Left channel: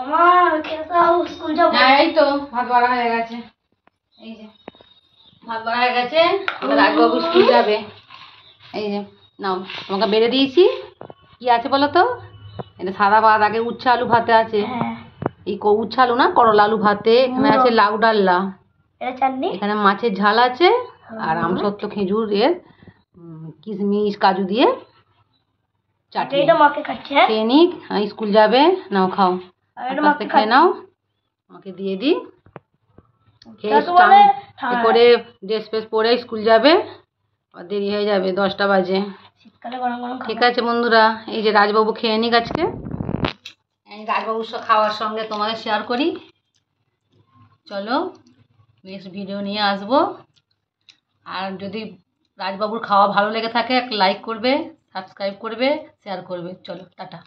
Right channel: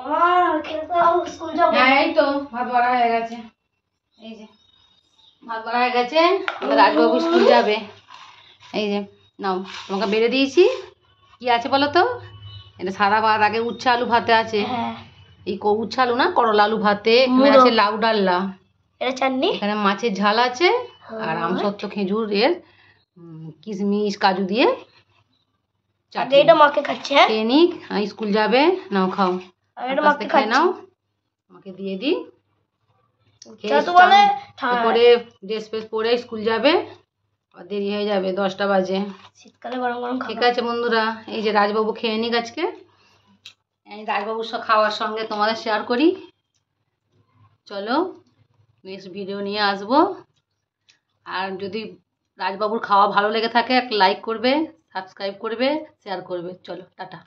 আমার খেতে দাও, স্কুল যাব। হ্যাঁ এই তো ভাত বাড়া হয়ে গেছে। এই যে ভাত বাড়া হয়ে গেছে, আমাদের রাজবাবু স্কুল যাবে। এই যে নাও, তোমাকে বেড়ে দিয়েছি। কি আছে বলো তো? এটা সাদা ভাত, আগে উচ্ছে আলু ভাতে আছে। এই উচ্ছে আলু না, করলা আলু ভাতে। এখানে আছে লাউ ডাল্লা, এটা চাটনি, এখানে মাছের ঝাল আছে, আর আমসত্ব খেজুর এর কিশমিশ কাজু দিয়ে চাটনি। এটা মাকে খাচ্ছে। খেয়ে নিক, স্কুল যাবে। নাও খাও, আস্তে খেয়ে নাও, আমাকে দিয়ে দিই। করে ড্রেস ফ্রেস পরে স্কুল যাবে, আর দেরি হয়ে যাবে, 10টা বাজে। শীতকালে গরম গরম ঠিক আছে বন্ধুরা, এই যে রাজবাবু খেয়ে নিক আজকে। এই রাজবাবুর খাওয়ার সঙ্গে তোমাদের শেয়ার করি। চলো নেক্সট ভিডিও নিয়ে আসবো। আর যদি রাজবাবুর খাওয়া ভালো লেগে থাকে, একটা লাইক করবে, সাবস্ক্রাইব করবে, শেয়ার করবে। চলো টাটা।